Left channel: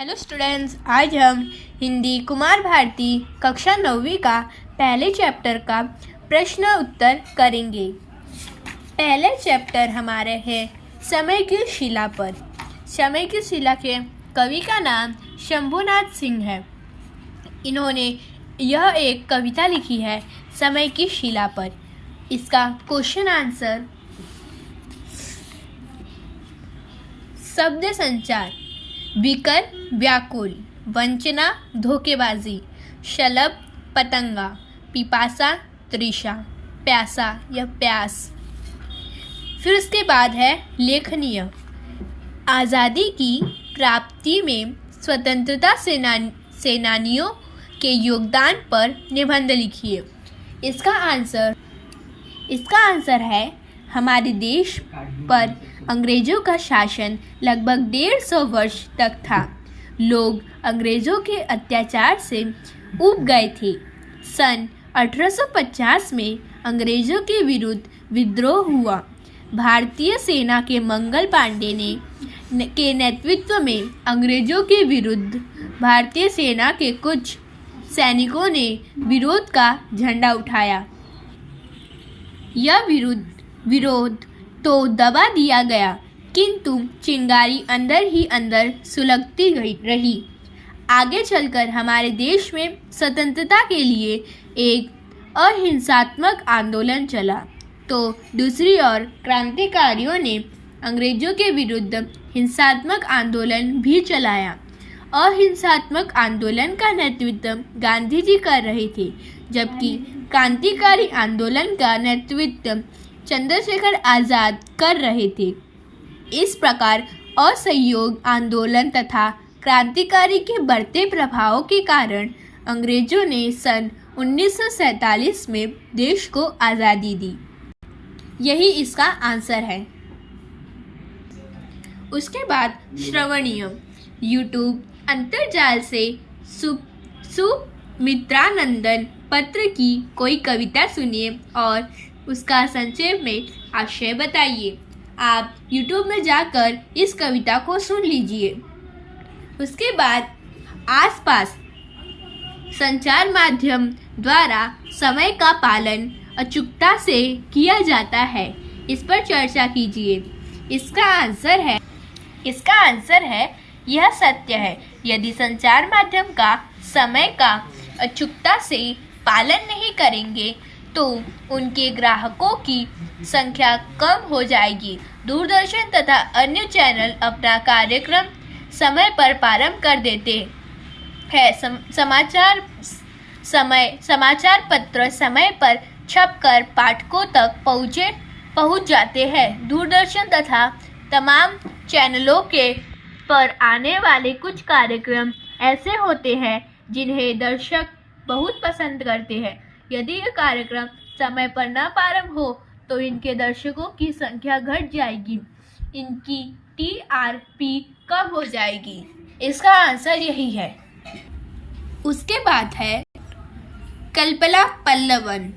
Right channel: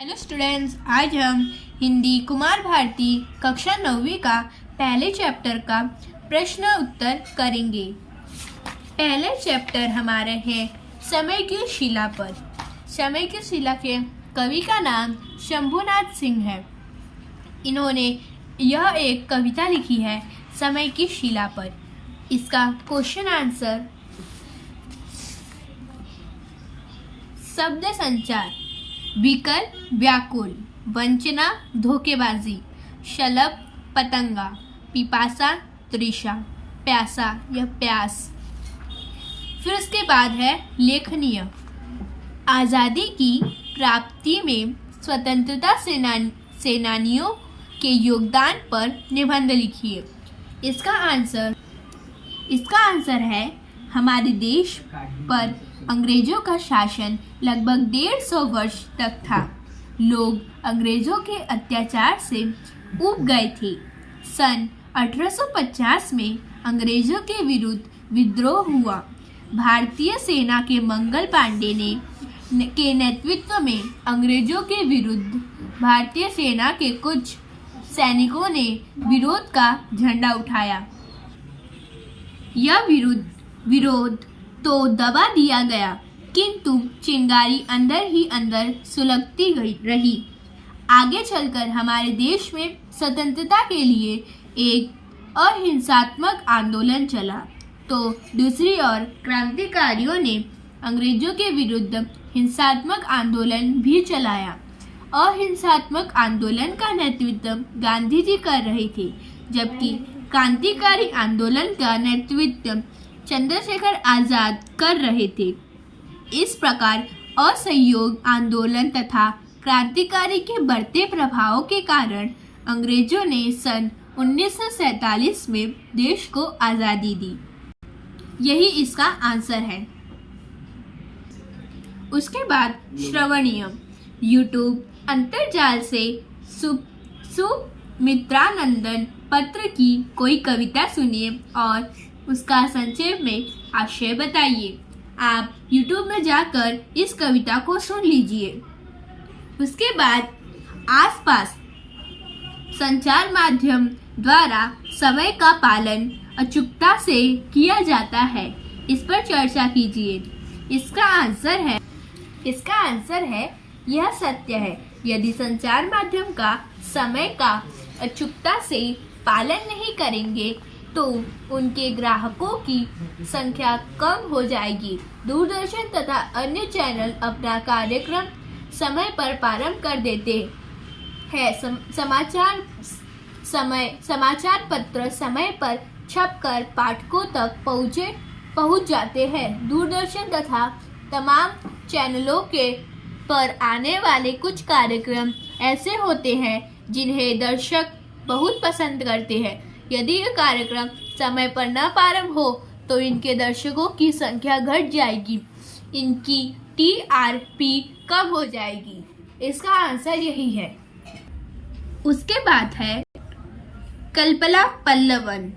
Hello students, आज हम हिंदी कुमार भारती कक्षा 9वीं का पहले चैप्टर का प्रश्न उत्तर करेंगे। पहले चैप्टर हमारे है समय की शिला पर। समय की शिला के कवि का नाम शंभुनाथ सिंह है। इन्होंने यह एक कविता लिखी है समय की शिला पर। इसका क्वेश्चन आंसर शब्द संचार, विकर व्याकुल, वंचना धोखेबाजी, शलभ पतंगा, पिपासा तृषा, प्यासा या प्यास। फिर उसके बाद है लेखनीय। आज़ादी की प्राप्ति में स्वतंत्रता सेनानियों के योगदान पर निबंध लिखिए। इसका आंसर है हमारे देश पर अंग्रेजों का शासन लगभग 150 वर्ष तक था। लोग अंग्रेजों के अत्याचार से ऊब गए थे। सन 1850 में अंग्रेजों के विरुद्ध विद्रोह हुआ। भारतीय सेना के मंगल पांडे के नेतृत्व में अंग्रेजों के विरुद्ध भारतीय सेना के कुछ सैनिकों ने विरोध का झंडा उठाया। यह विरोध तो दबा दिया गया, किंतु चिंगारी अंदर ही अंदर सुलगती रही। आगे चलकर हमारे देश में स्वतंत्रता के लिए एक अहिंसात्मक आंदोलन चला, तो दूसरी ओर क्रांतिकारियों ने अंग्रेजों के विरुद्ध हिंसात्मक आंदोलन भी चलाया। अहिंसात्मक आंदोलन का नेतृत्व गांधी जी कर रहे थे, जबकि क्रांतिकारी आंदोलन का नेतृत्व चंद्रशेखर आजाद कर रहे थे। इस प्रकार असहयोग आंदोलन तथा क्रांतिकारी के बढ़ते प्रभाव के कारण अंग्रेजों ने सन 1947 में देश को आज़ादी दी। यही इसका आंसर है। उसके बाद श्रवणीय। यूट्यूब अंतर्जाल से सुमित्रानंदन पत्र की कोई कविता सुनिए और उसका संक्षेप में आशय बताइए। आप YouTube में जाकर इस कविता को सुन लीजिए। उसके बाद आसपास संचार माध्यम द्वारा समय का पालन अचूकता से किया जाता है, इस पर चर्चा कीजिए। इसका आंसर है यह सत्य है। यदि संचार माध्यम का समय का अचूकता से पालन नहीं करेंगे तो उनके ग्राहकों की संख्या कम हो जाएगी। दूरदर्शन तथा अन्य चैनल अपना कार्यक्रम समय पर प्रारंभ कर देते हैं। समाचार पत्र समय पर छपकर पाठकों तक पहुंच जाते हैं। दूरदर्शन तथा तमाम चैनलों के पर आने वाले कुछ कार्यक्रम ऐसे होते हैं जिन्हें दर्शक बहुत पसंद करते हैं। यदि यह कार्यक्रम समय पर न प्रारंभ हो तो इनके दर्शकों की संख्या घट जाएगी, इनकी TRP कम हो जाएगी। इसका आंसर यही है। उसके बाद है कल्पना पल्लवन।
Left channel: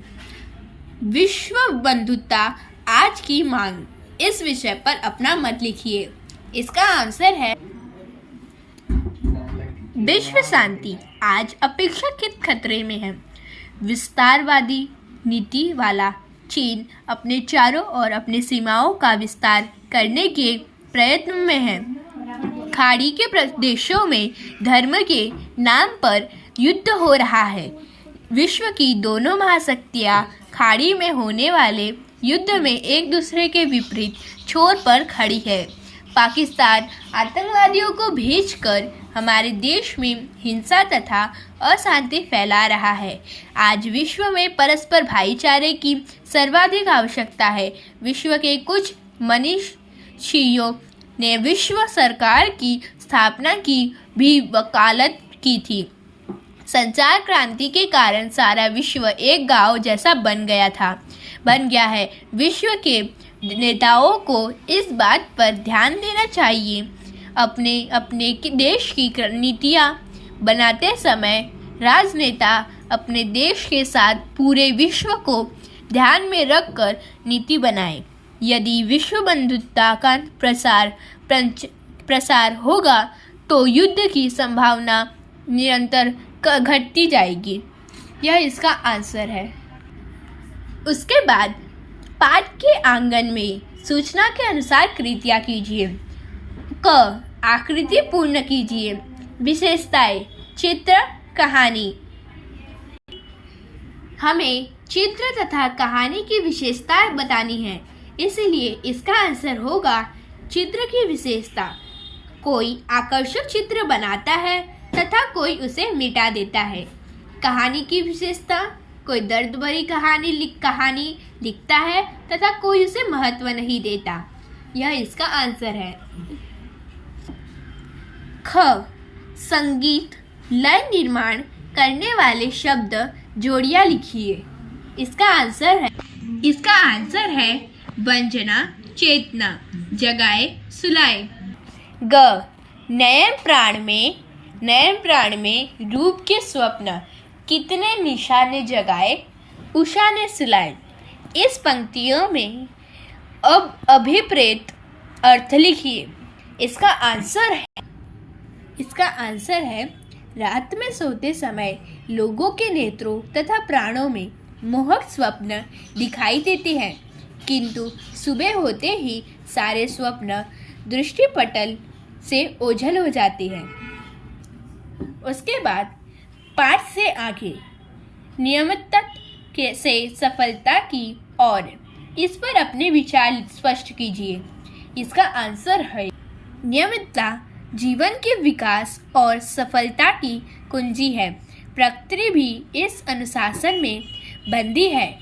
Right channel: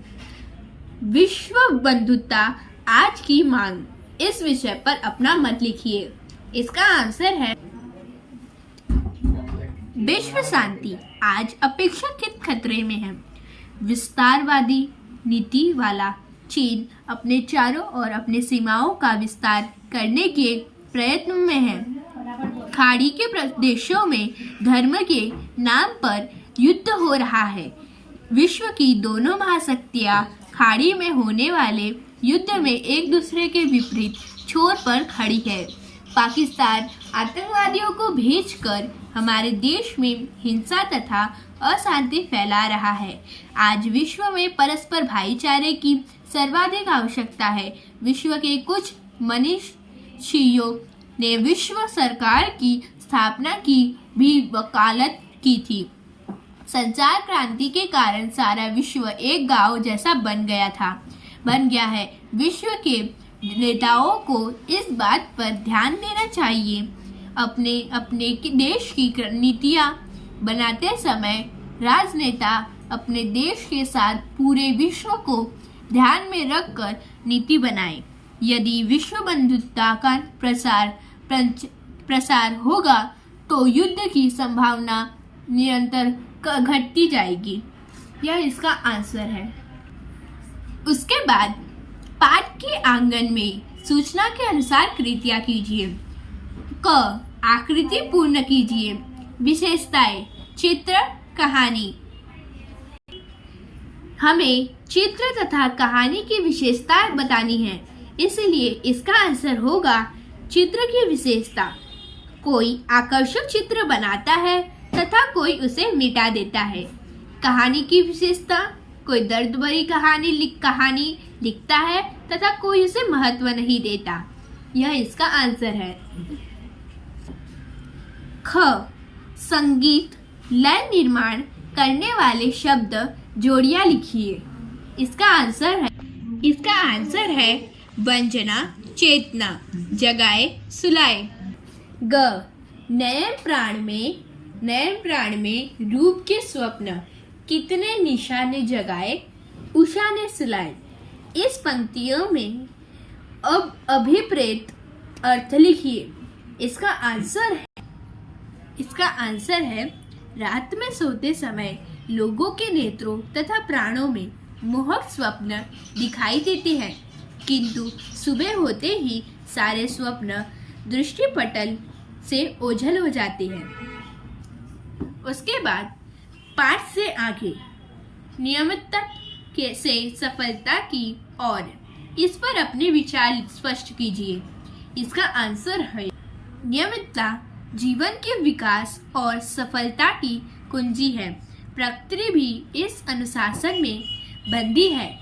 विश्व बंधुता आज की मांग, इस विषय पर अपना मत लिखिए। इसका आंसर है विश्व शांति आज अपेक्षाकृत खतरे में है। विस्तारवादी नीति वाला चीन अपने चारों ओर अपनी सीमाओं का विस्तार करने के प्रयत्न में है। खाड़ी के प्रदेशों में धर्म के नाम पर युद्ध हो रहा है। विश्व की दोनों महाशक्तियां खाड़ी में होने वाले युद्ध में एक दूसरे के विपरीत छोर पर खड़ी है। पाकिस्तान आतंकवादियों को भेजकर हमारे देश में हिंसा तथा अशांति फैला रहा है। आज विश्व में परस्पर भाईचारे की सर्वाधिक आवश्यकता है। विश्व के कुछ मनीषियों ने विश्व सरकार की स्थापना की भी वकालत की थी। संचार क्रांति के कारण सारा विश्व एक गांव जैसा बन गया है। विश्व के नेताओं को इस बात पर ध्यान देना चाहिए। अपने देश की नीतियाँ बनाते समय राजनेता अपने देश के साथ पूरे विश्व को ध्यान में रखकर नीति बनाएं। यदि विश्व बंधुता का प्रसार होगा तो युद्ध की संभावना निरंतर घटती जाएगी। यह इसका आंसर है। उसके बाद पाठ के आंगन में सूचना के अनुसार कृतियाँ कीजिए। क, आकृति पूर्ण कीजिए। विशेषताएं, चित्र, कहानी। हमें चित्र तथा कहानी की विशेषता बतानी है, इसलिए इसका आंसर होगा चित्र की विशेषता। कोई आकर्षक चित्र बनाता है तथा कोई उसे मिटा देता है। कहानी की विशेषता, कोई दर्द भरी कहानी लिखता है तथा कोई उसे महत्व नहीं देता। यह इसका आंसर है। ख, संगीत, लय निर्माण करने वाले शब्द जोड़ियां लिखिए। इसका आंसर है वंजना, चेतना, जगाए, सुलाए। ग, नयन प्राण में रूप के स्वप्न, कितने निशा ने जगाए, उषा ने सुलाए। इस पंक्तियों में अब अभिप्रेत अर्थ लिखिए। इसका आंसर है रात में सोते समय लोगों के नेत्रों तथा प्राणों में मोहक स्वप्न दिखाई देते हैं, किंतु सुबह होते ही सारे स्वप्न दृष्टिपटल से ओझल हो जाते हैं। उसके बाद पाठ से आगे नियमितता से सफलता की ओर, इस पर अपने विचार स्पष्ट कीजिए। इसका आंसर है नियमितता जीवन के विकास और सफलता की कुंजी है। प्रकृति भी इस अनुशासन में बंधी है।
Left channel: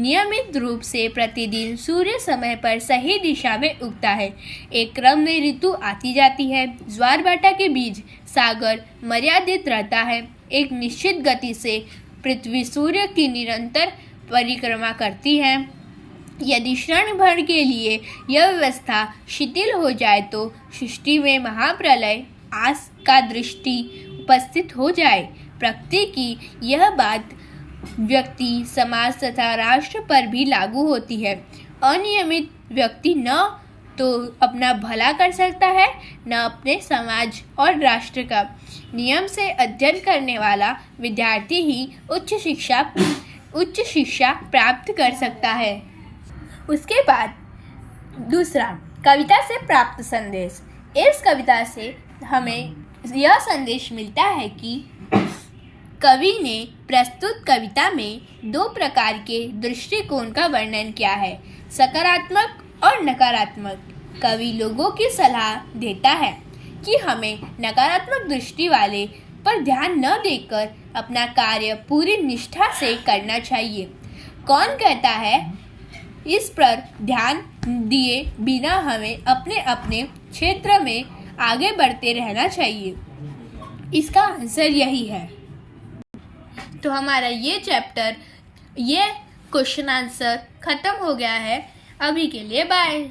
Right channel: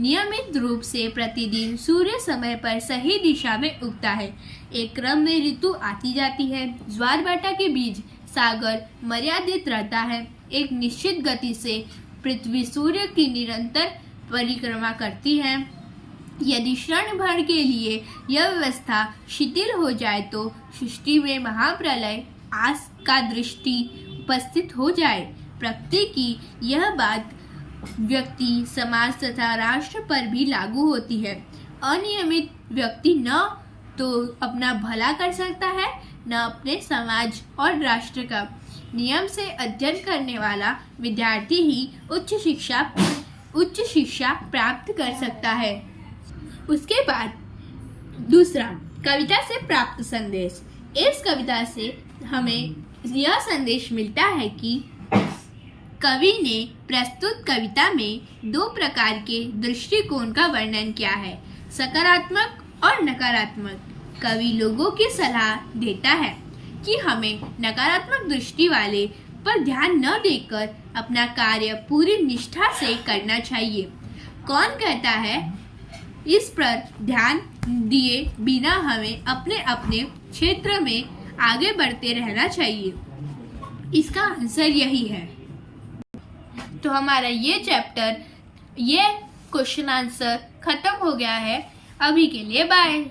नियमित रूप से प्रतिदिन सूर्य समय पर सही दिशा में उगता है। एक क्रम में ऋतु आती जाती है। ज्वार भाटा के बीच सागर मर्यादित रहता है। एक निश्चित गति से पृथ्वी सूर्य की निरंतर परिक्रमा करती है। यदि क्षण भर के लिए यह व्यवस्था शिथिल हो जाए तो सृष्टि में महाप्रलय आस का दृष्टि उपस्थित हो जाए। प्रकृति की यह बात व्यक्ति, समाज तथा राष्ट्र पर भी लागू होती है। अनियमित व्यक्ति न तो अपना भला कर सकता है, न अपने समाज और राष्ट्र का। नियम से अध्ययन करने वाला विद्यार्थी ही उच्च शिक्षा प्राप्त कर सकता है। उसके बाद दूसरा, कविता से प्राप्त संदेश। इस कविता से हमें यह संदेश मिलता है कि कवि ने प्रस्तुत कविता में दो प्रकार के दृष्टिकोण का वर्णन किया है, सकारात्मक और नकारात्मक। कवि लोगों की सलाह देता है कि हमें नकारात्मक दृष्टि वाले पर ध्यान न देकर अपना कार्य पूरी निष्ठा से करना चाहिए। कौन कहता है, इस पर ध्यान दिए बिना हमें अपने अपने क्षेत्र में आगे बढ़ते रहना चाहिए। इसका आंसर यही है। तो हमारा ये चैप्टर, ये क्वेश्चन आंसर खत्म हो गया है। अभी के लिए बाय।